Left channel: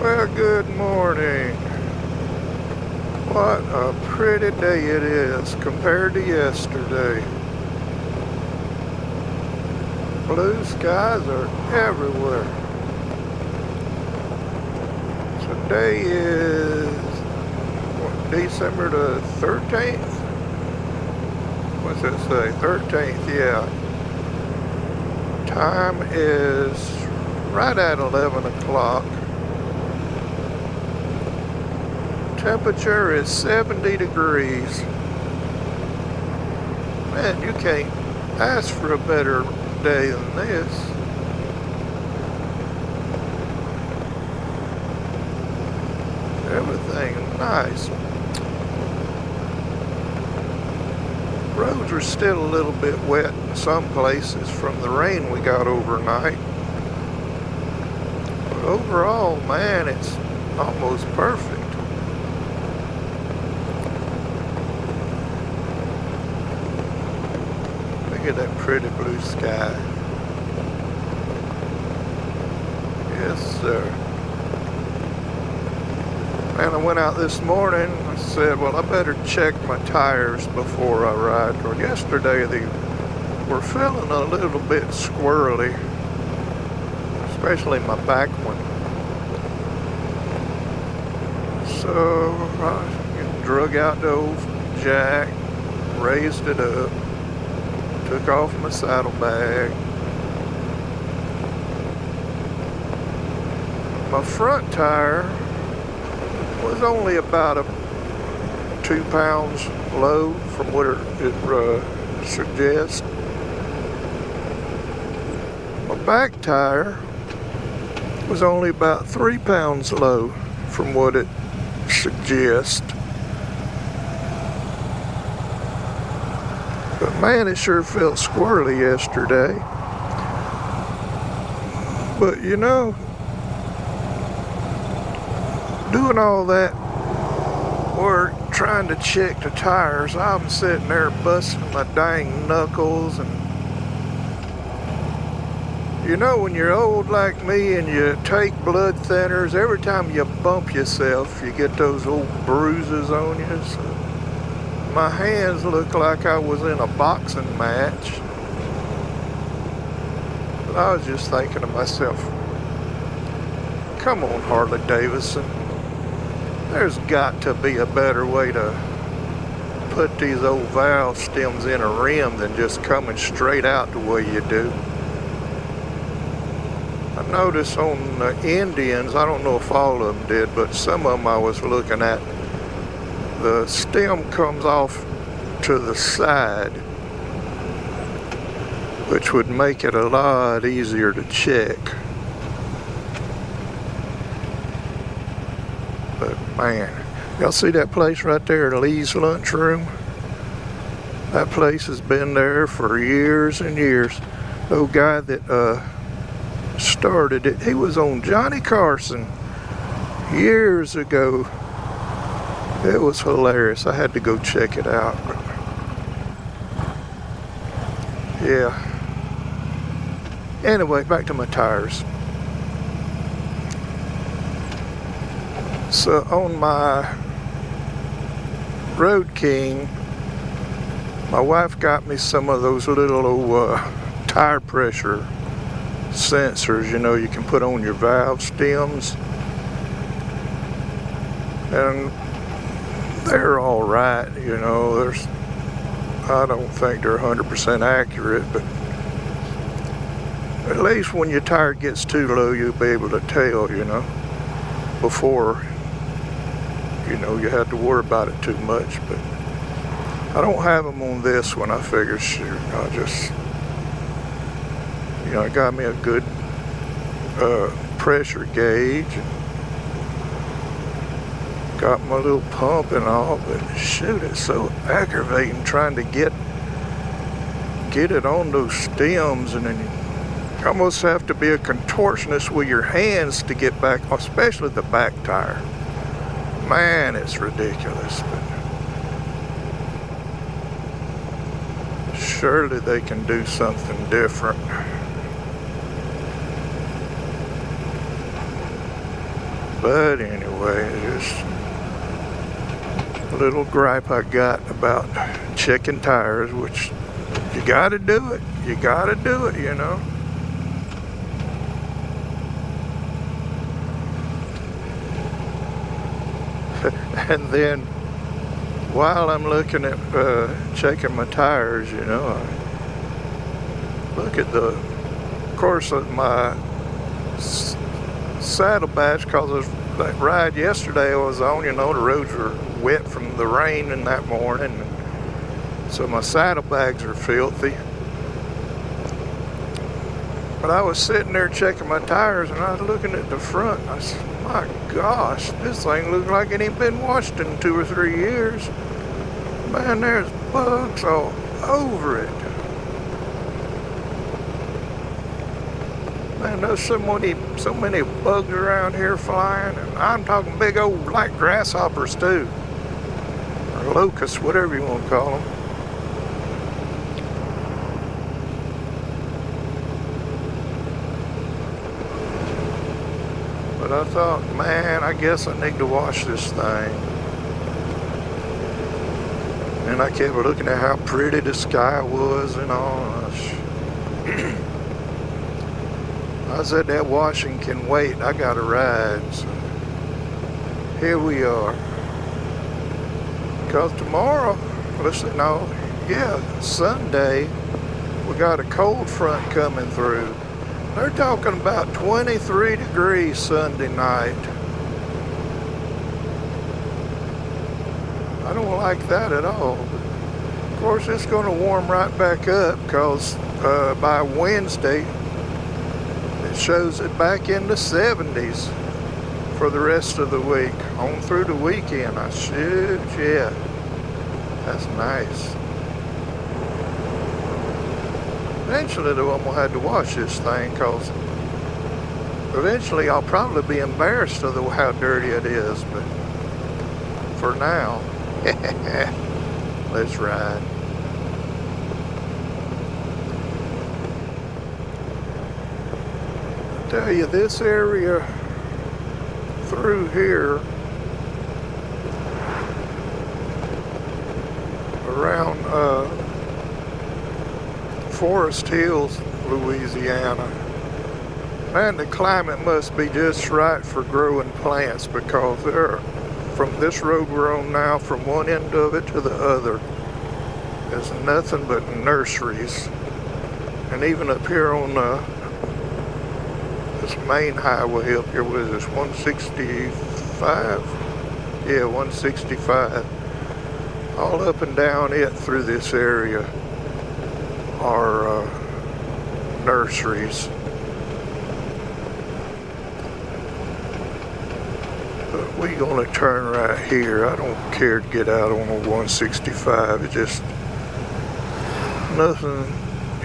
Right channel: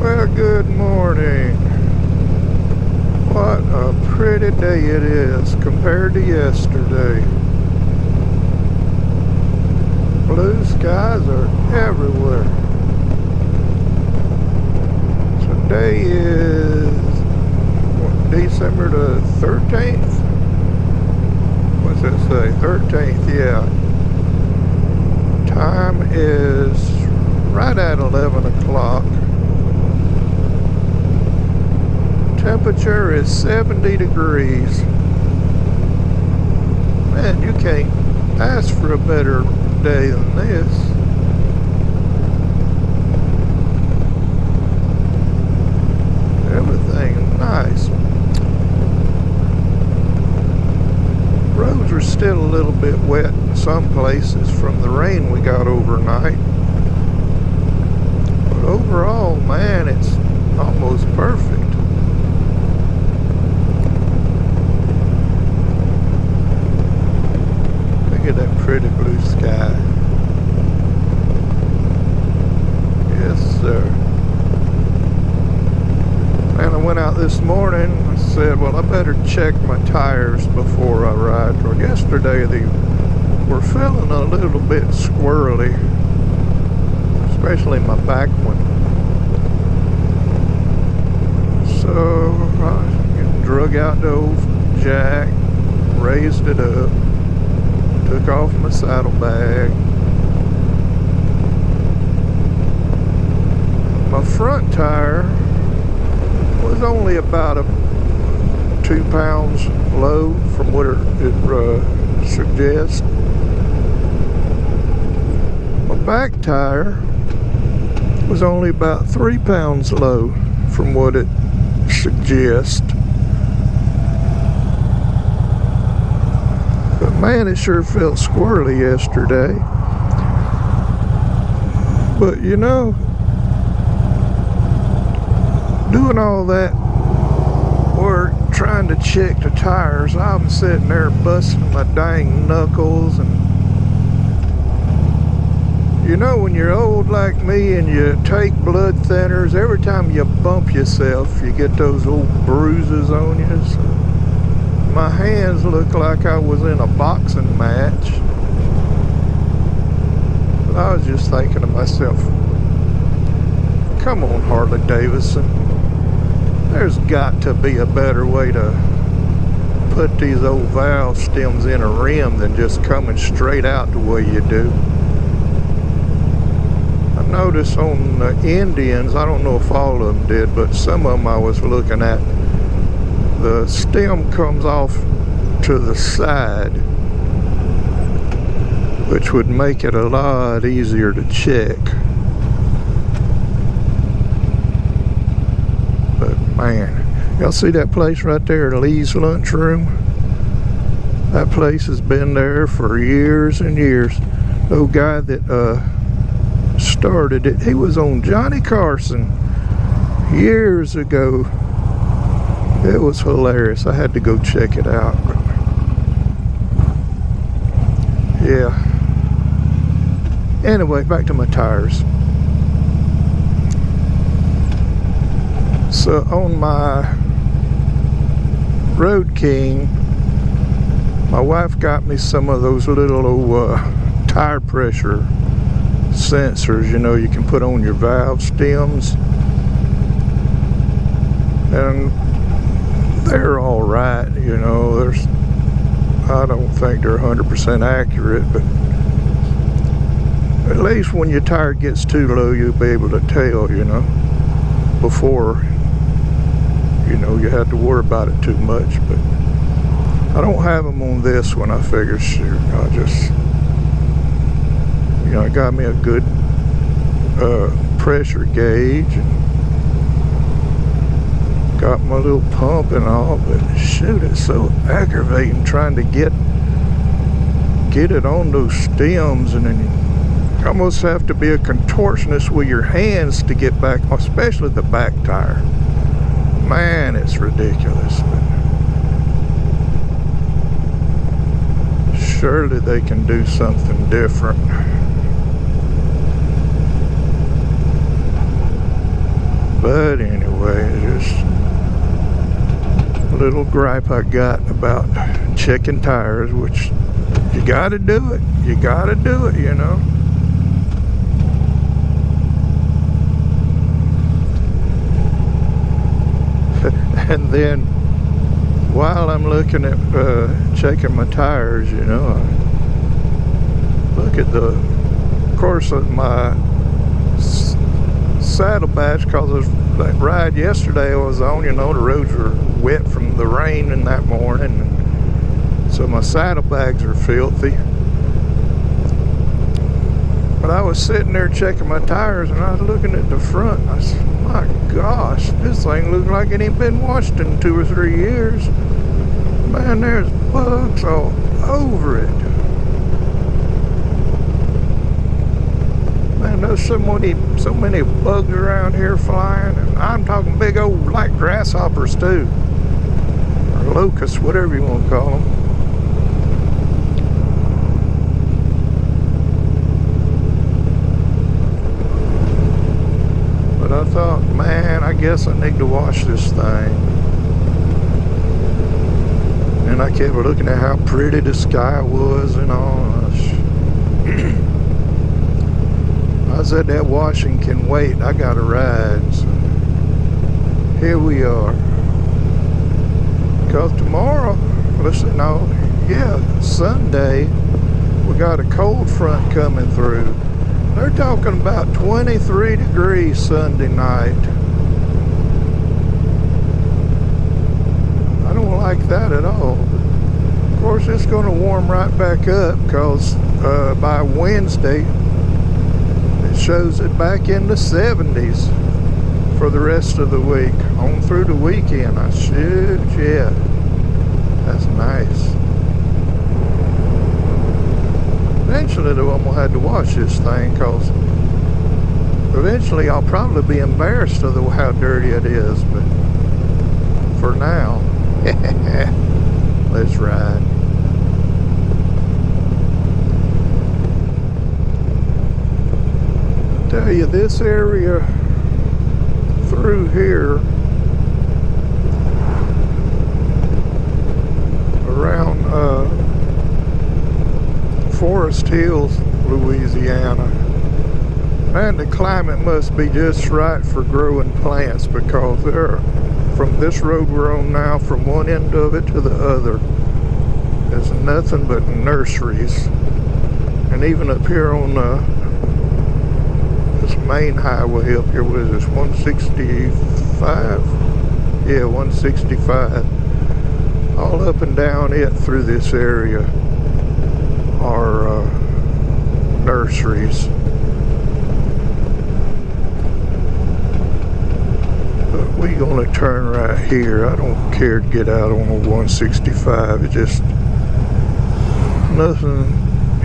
Well, good morning. What a pretty day it is compared to yesterday. Blue skies are everywhere. Today is December the 13th? What's it say? 13th, yeah. Time is right at 11 o'clock. Temperature is 70 degrees. Man, you can't ask for a better day than this. Everything nice. Roads are still a little bit wet in some places from the rain we got overnight. But overall, man, it's almost perfect. Look at that pretty blue sky. Yes, sir. And I went out this morning. I said, well, I better check my tires before I ride. Or yesterday they were feeling a little bit squirrely, especially my back one. So I drug out the old jack, raised it up, took off my saddlebag. My front tire was only about 2 pounds low from what it suggests. My back tire was only about 3 pounds low from what it suggests. But man, it sure felt squirrely yesterday. But you know, doing all that work trying to check the tires, I'm sitting there busting my dang knuckles. And you know, when you're old like me and you take blood thinners, every time you bump yourself you get those old bruises on you. So my hands look like I was in a boxing match. But I was just thinking to myself, come on, Harley Davidson, there's got to be a better way to put these old valve stems in a rim than just coming straight out the way you do. I noticed on the Indians, I don't know if all of them did, but some of them I was looking at, the stem comes off to the side, which would make it a lot easier to check. But man, y'all see that place right there, Lee's Lunchroom? That place has been there for years and years. The old guy that started it, he was on Johnny Carson years ago. It was hilarious. I had to go check it out. But yeah. Anyway, back to my tires. So on my Road King, my wife got me some of those little old tire pressure sensors, you know, you can put on your valve stems. And they're all right, you know. I don't think they're 100% accurate, but at least when your tire gets too low, you'll be able to tell, you know, before, you know, you have to worry about it too much. But I don't have them on this one. I figure, shoot, I'll just, you know, I got me a good pressure gauge. Got my little pump and all, but shoot, it's so aggravating trying to get it on those stems, and then you almost have to be a contortionist with your hands to get back, especially the back tire. Man, it's ridiculous. But surely they can do something different. But anyway, just a little gripe I got about checking tires, which you gotta do it. You gotta do it, you know. And then while I'm looking at checking my tires, you know, I look at the course of my saddlebags, because that ride yesterday I was on, you know, the roads were wet from the rain in that morning, so my saddlebags are filthy. But I was sitting there checking my tires, and I was looking at the front, and I said, my gosh, this thing looks like it ain't been washed in 2 or 3 years. Man, there's bugs all over it. Man, there's so many bugs around here flying, and I'm talking big old like grasshoppers too, or locusts, whatever you want to call them. But I thought, man, I guess I need to wash this thing. And I kept looking at how pretty the sky was and all. I said that washing can wait. I got a ride. So here we are. Because tomorrow, Sunday, we got a cold front coming through. They're talking about 23 degrees Sunday night. I don't like that at all. Of course, it's going to warm right back up, because by Wednesday, it shows it back in the 70s for the rest of the week. On through the weekend, yeah. That's nice. Eventually, though, I'm going to have to wash this thing, because eventually I'll probably be embarrassed of how dirty it is. But for now, let's ride. I tell you, this area through here around Forest Hills, Louisiana, man, the climate must be just right for growing plants, because from this road we're on now, from one end of it to the other, there's nothing but nurseries. And even up here on this main highway up here, what is this, 165? Yeah, 165. All up and down it through this area are nurseries. But we're going to turn right here. I don't care to get out on 165. It's just nothing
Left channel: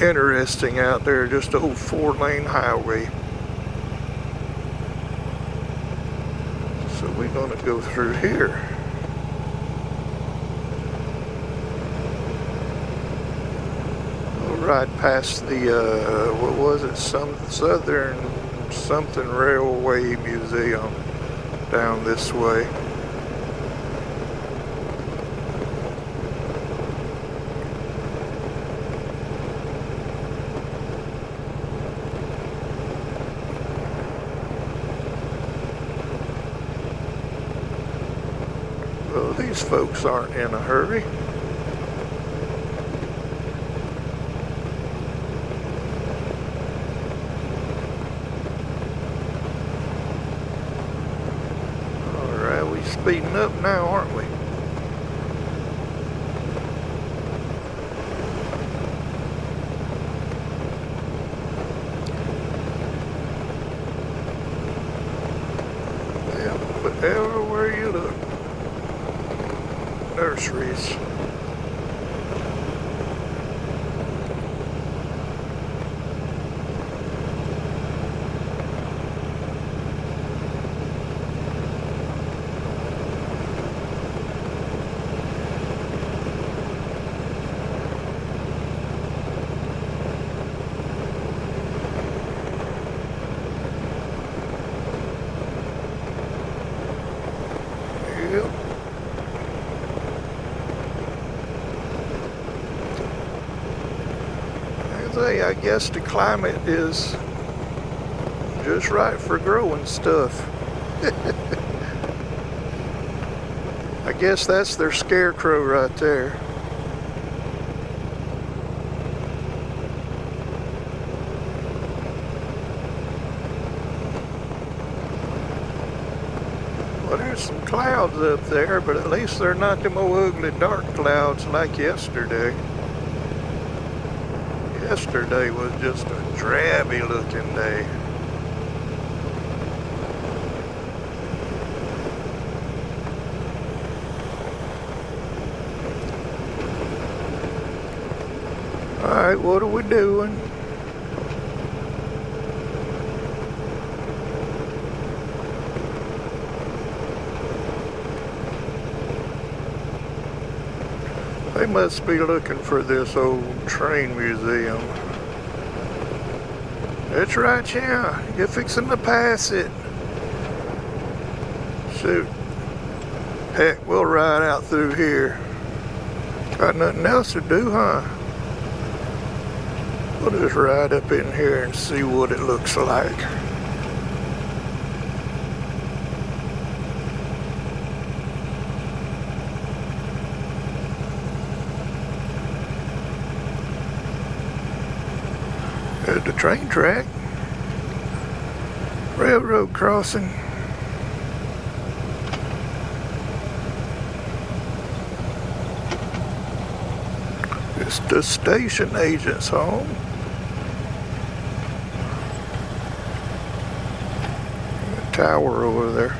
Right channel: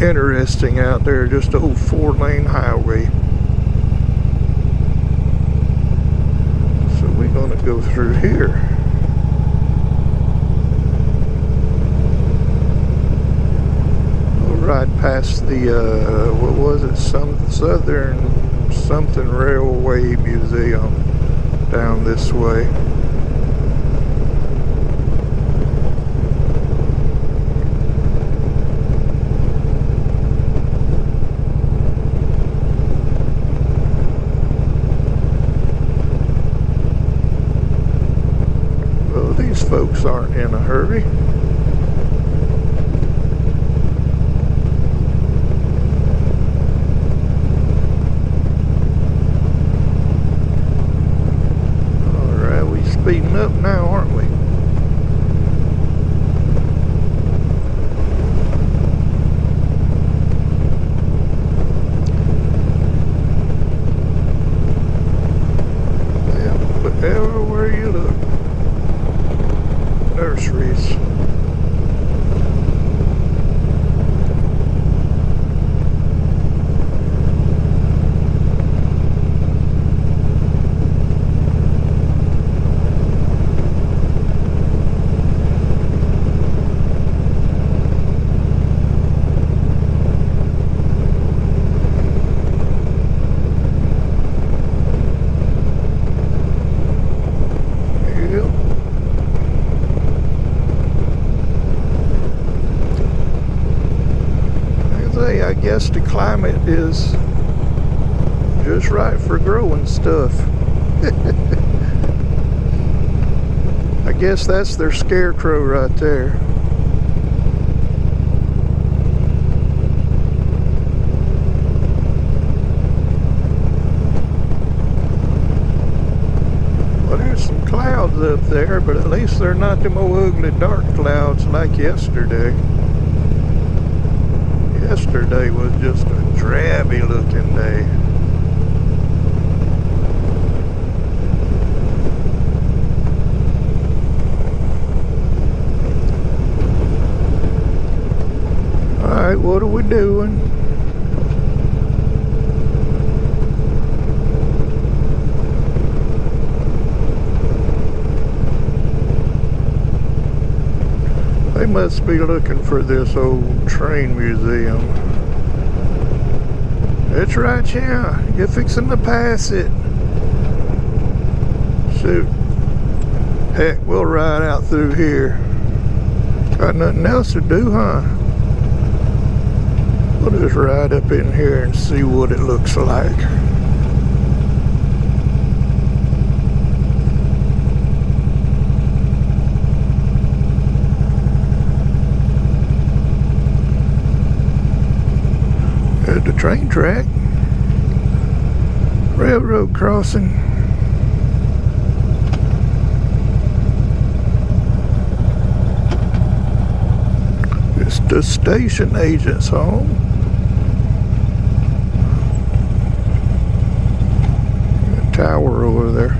interesting out there, just an old 4-lane highway. So we're going to go through here. Right past the what was it, some Southern something Railway Museum down this way. Well, these folks aren't in a hurry. Speeding up now, aren't we? Yeah, but everywhere you look, nurseries. I guess the climate is just right for growing stuff. I guess that's their scarecrow right there. Well, there's some clouds up there, but at least they're not them old ugly dark clouds like yesterday. Yesterday was just a drabby looking day. Alright, what are we doing? They must be looking for this old train museum. That's right, yeah. You're fixing to pass it. Shoot. Heck, we'll ride out through here. Got nothing else to do, huh? We'll just ride up in here and see what it looks like. There's the train track. Railroad crossing. It's the station agent's home. The tower over there.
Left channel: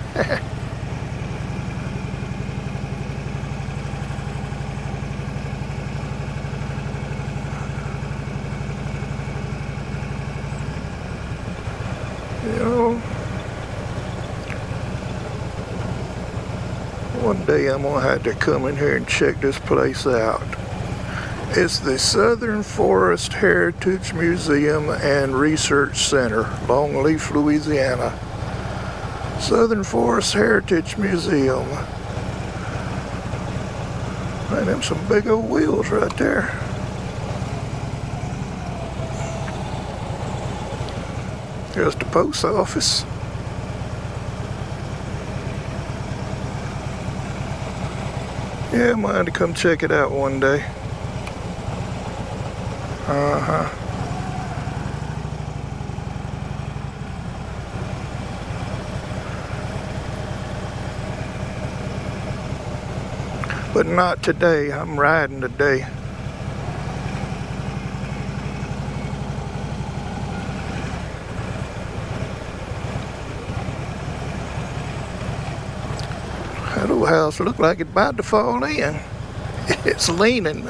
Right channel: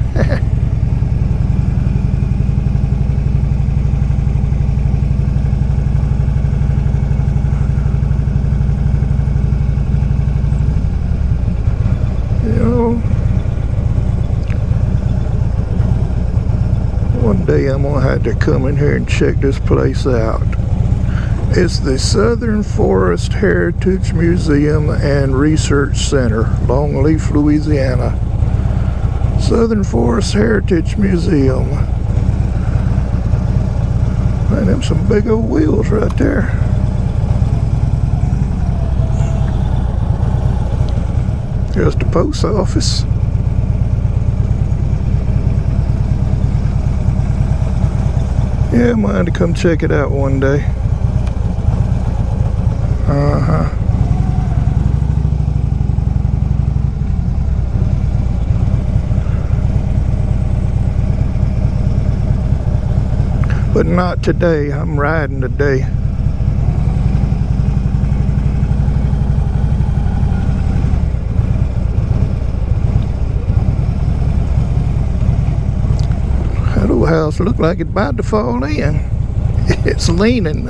One day I'm gonna have to come in here and check this place out. It's the Southern Forest Heritage Museum and Research Center, Longleaf, Louisiana. Southern Forest Heritage Museum. Man, them some big old wheels right there. Here's the post office. Yeah, I might have to come check it out one day. But not today. I'm riding today. That old house looked like it's about to fall in. It's leaning.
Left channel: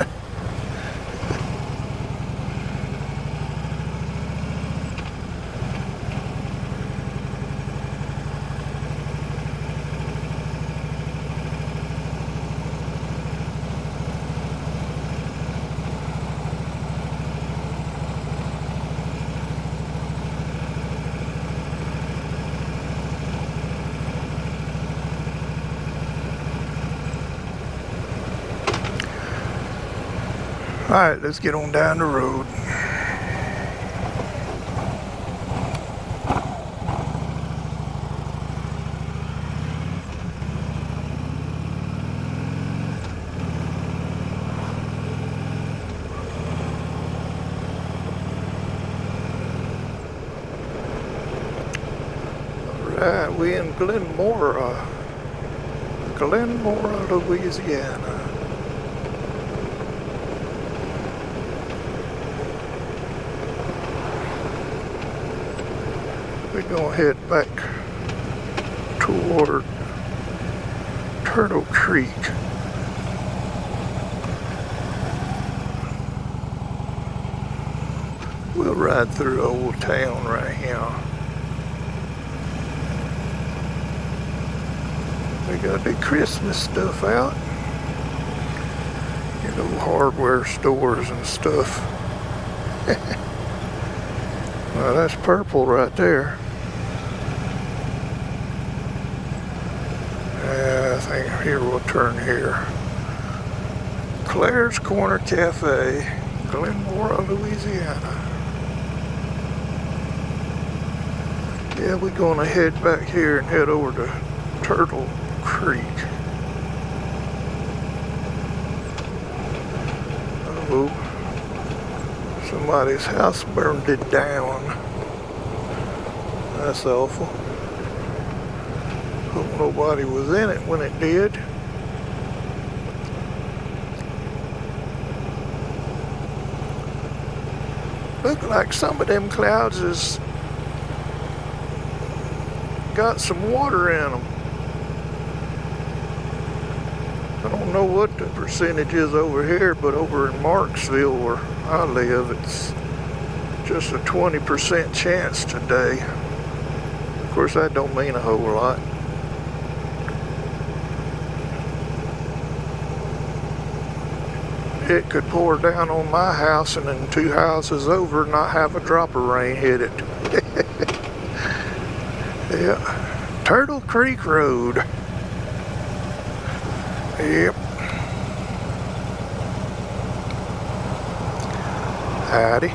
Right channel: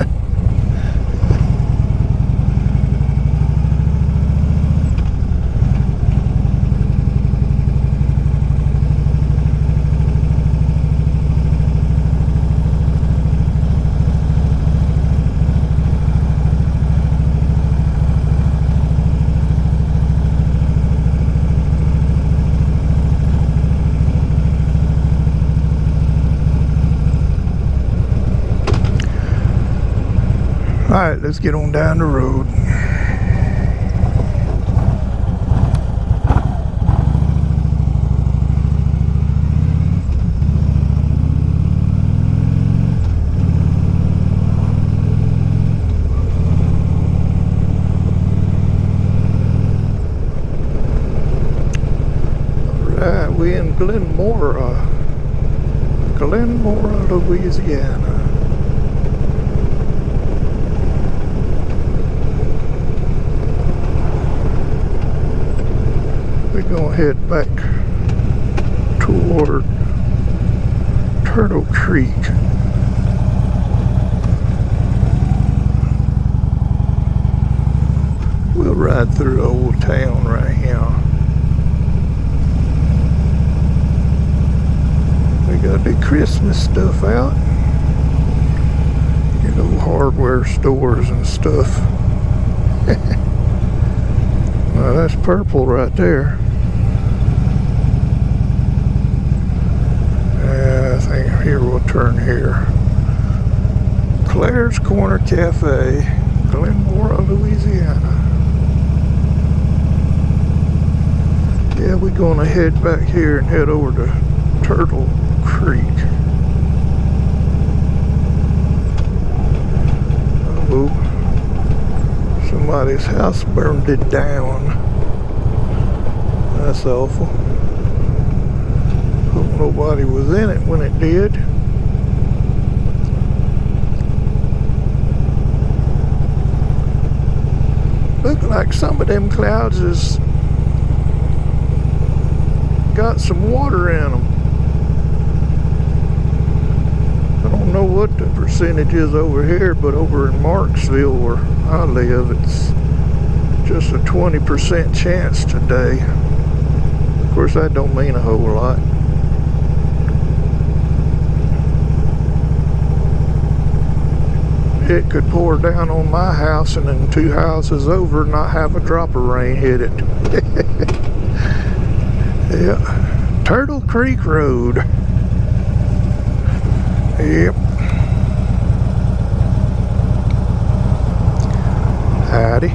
Alright, let's get on down the road. Alright, we in Glenmora, Louisiana. We're gonna head back toward Turtle Creek. We'll ride through Old Town right here. We got the Christmas stuff out. You know, hardware stores and stuff. Well, that's purple right there. I think here we'll turn here. Claire's Corner Cafe, Glenmora, Louisiana. Yeah, we're gonna head back here and head over to Turtle Creek. Oh, somebody's house burned it down. That's awful. Hope nobody was in it when it did. Look like some of them clouds has got some water in them. I don't know what the percentage is over here, but over in Marksville where I live, it's just a 20% chance today. Of course, that don't mean a whole lot. It could pour down on my house and then 2 houses over not have a drop of rain hit it. Yeah, Turtle Creek Road. Yep. Howdy.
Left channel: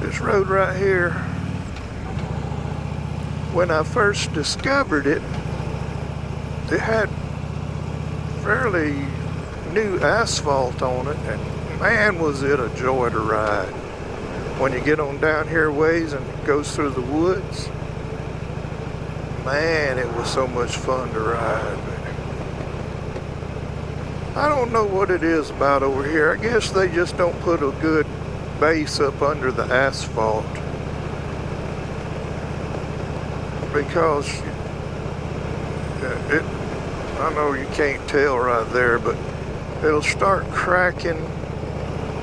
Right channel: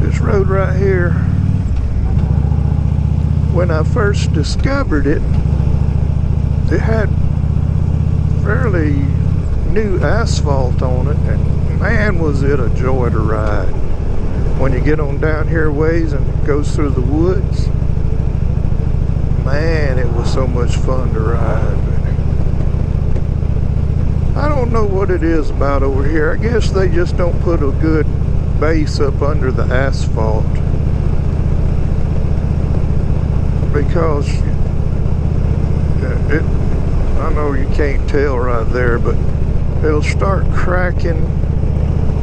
This road right here, when I first discovered it, it had fairly new asphalt on it, and man, was it a joy to ride. When you get on down here ways and it goes through the woods, man, it was so much fun to ride. I don't know what it is about over here. I guess they just don't put a good base up under the asphalt, because I know you can't tell right there, but it'll start cracking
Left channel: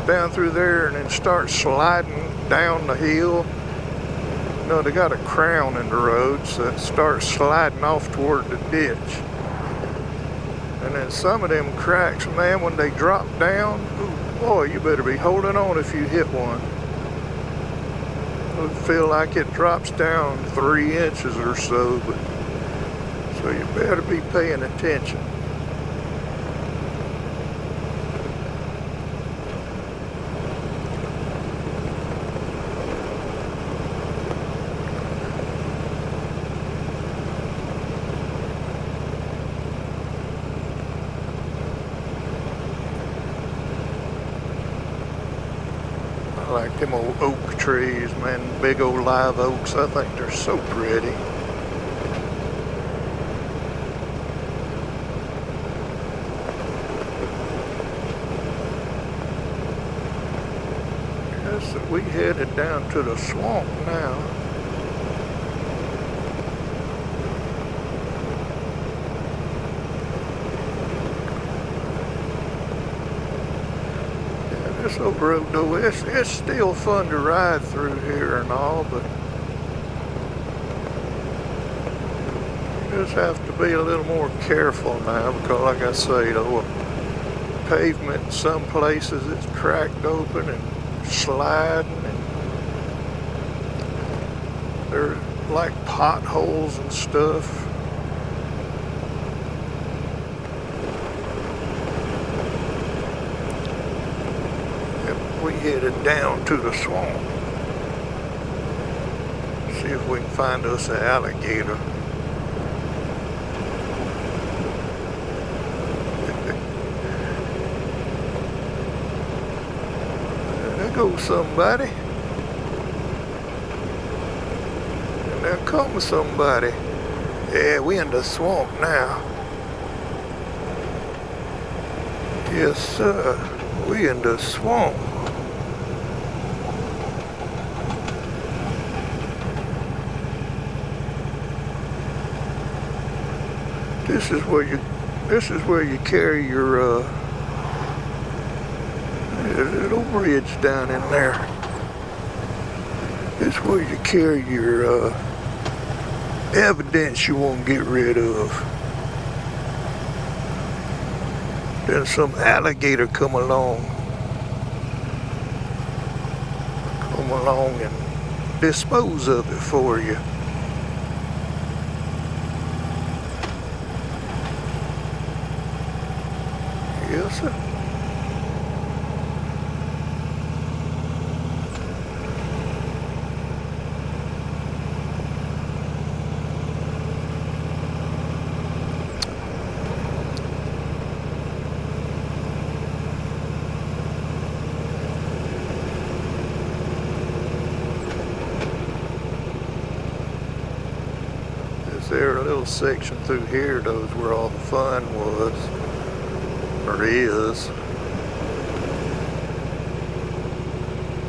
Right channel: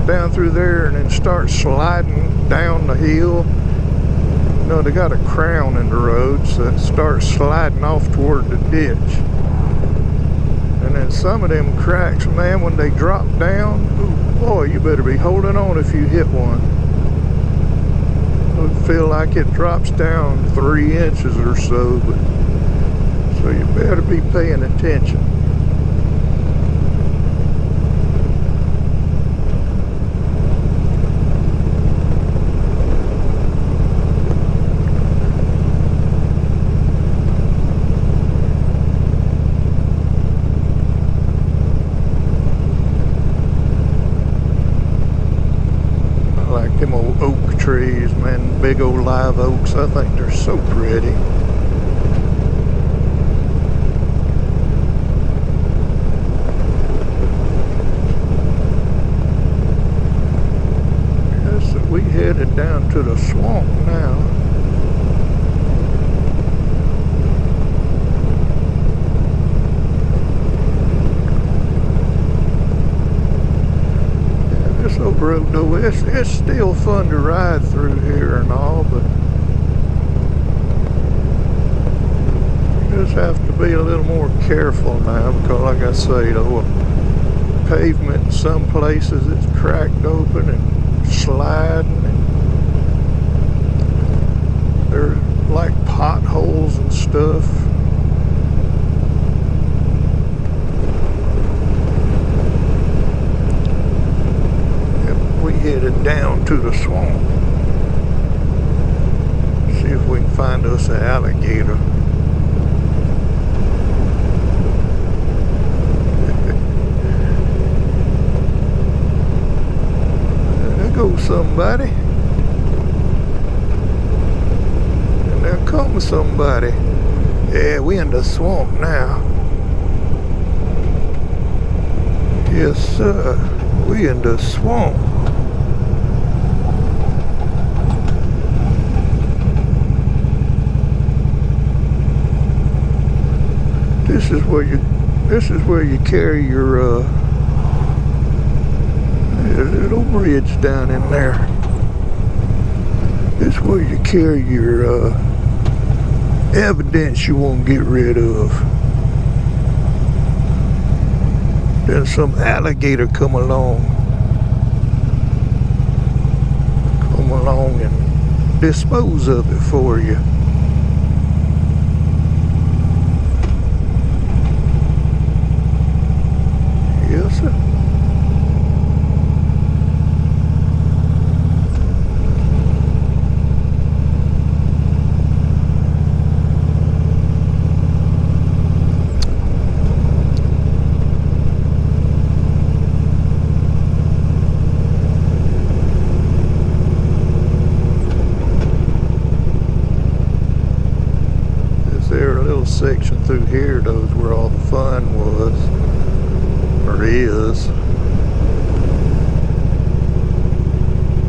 down through there and then start sliding down the hill. You know, they got a crown in the road, so it starts sliding off toward the ditch. And then some of them cracks, man, when they drop down, ooh, boy, you better be holding on if you hit one. It'll feel like it drops down 3 inches or so, but so you better be paying attention. I like them old oak trees, man, big old live oaks. I think they're so pretty. We headed down to the swamp now. Yeah, this old road though, it's still fun to ride through here and all, but you just have to be a little more careful now, because like I say, though, pavement in some places it's cracked open and sliding, and they're like potholes and stuff. Yep, we headed down to the swamp. See if we can find us an alligator. Go somebody, and there comes somebody. Yeah, we in the swamp now. Yes sir, we in the swamp. This is where you carry your there's a little bridge down in there. This is where you carry your evidence you won't get rid of. Then some alligator come along and dispose of it for you. Yes sir. section through here, though, is where all the fun was, or is.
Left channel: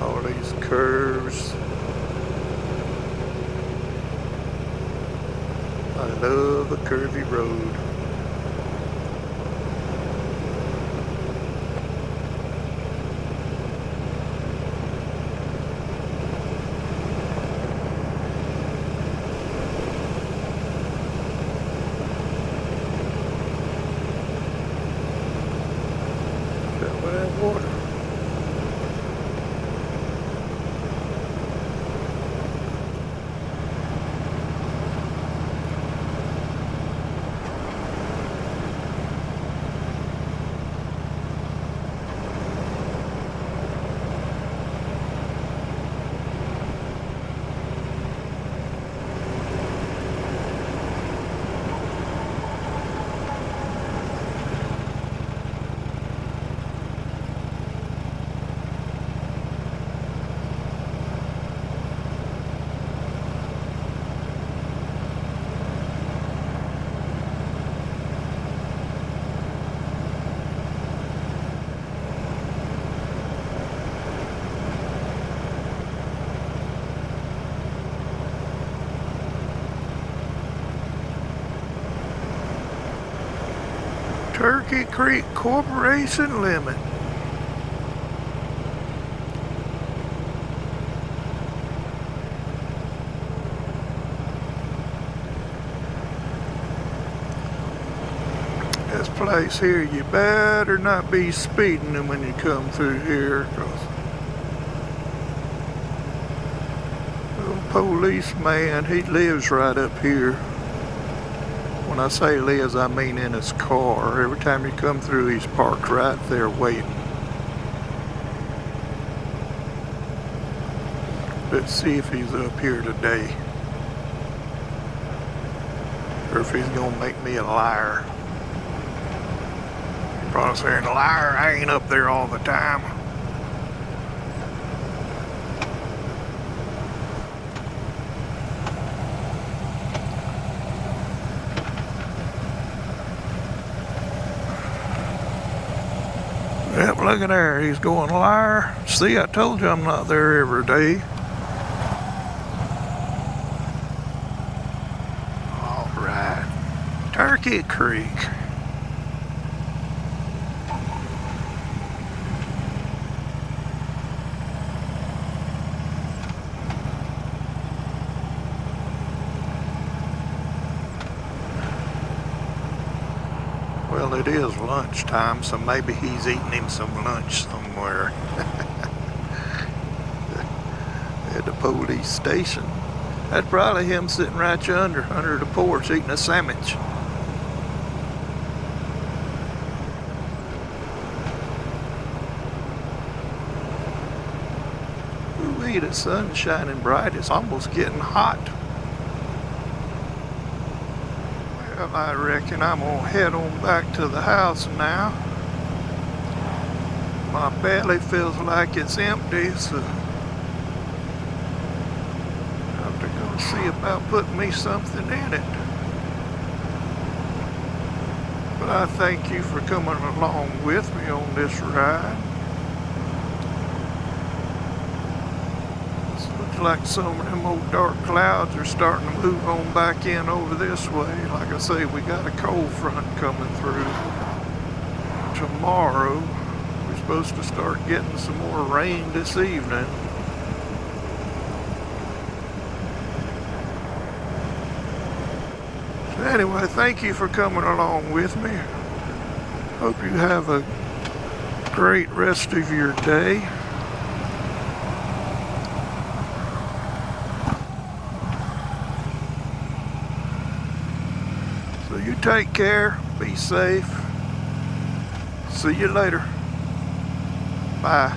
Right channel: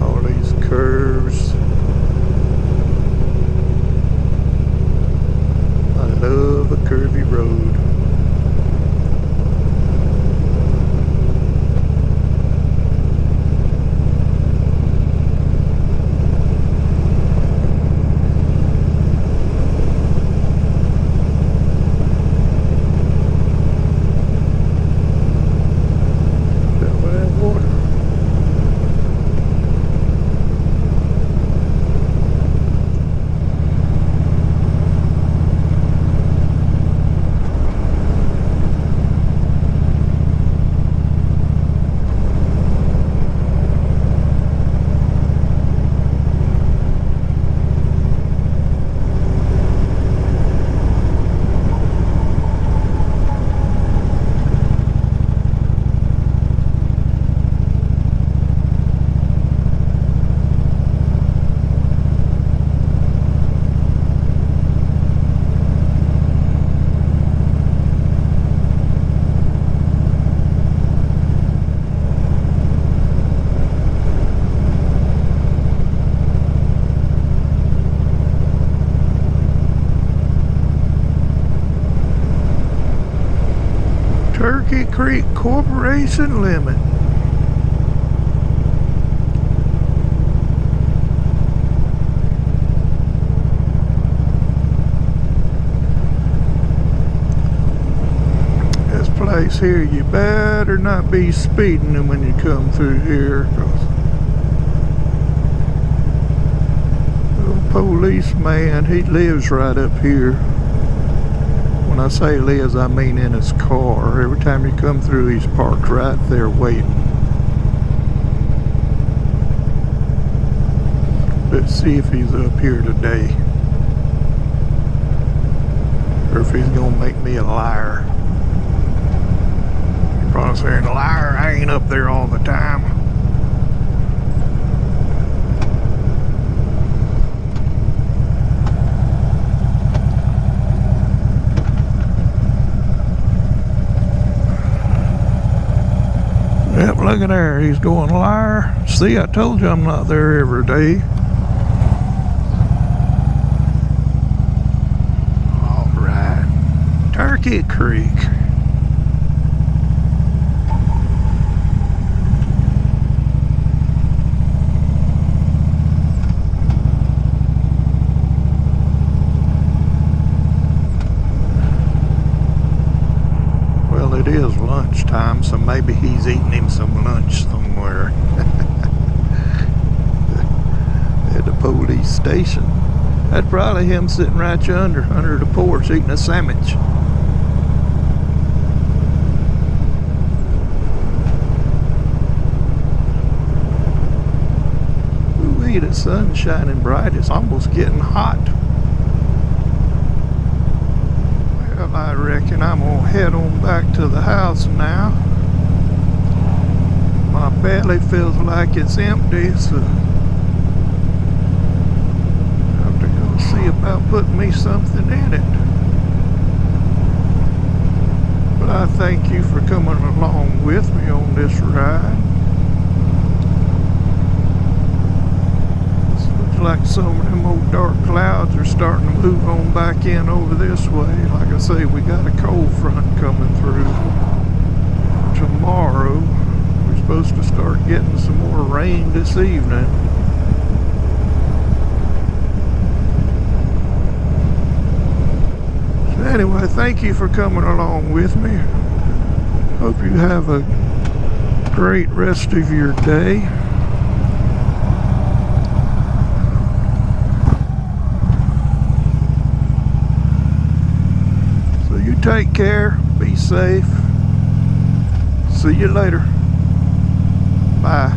All these curves. I love a curvy road. Turkey Creek Corporation Limit. This place here, you better not be speeding when you come through here, 'cause the policeman, he lives right up here. When I say lives, I mean in his car. Every time you come through, he's parked right there waiting. Let's see if he's up here today, or if he's gonna make me a liar. You're probably saying, liar, I ain't up there all the time. Yep, look at there. He's going, liar. See, I told you I'm not there every day. All right. Turkey Creek. Well, it is lunchtime, so maybe he's eating him some lunch somewhere. At the police station. That's probably him sitting right yonder under the porch eating a sandwich. Ooh-wee, the sun's shining bright. It's almost getting hot. Well, I reckon I'm gonna head on back to the house now. My belly feels like it's empty, so I have to go see about putting me something in it. But I thank you for coming along with me on this ride. Looks like some of them old dark clouds are starting to move on back in over this way. Like I say, we got a cold front coming through tomorrow. We're supposed to start getting some more rain this evening. So anyway, thank you for coming along with me. Hope you have a great rest of your day. So you take care, be safe. See you later. Bye.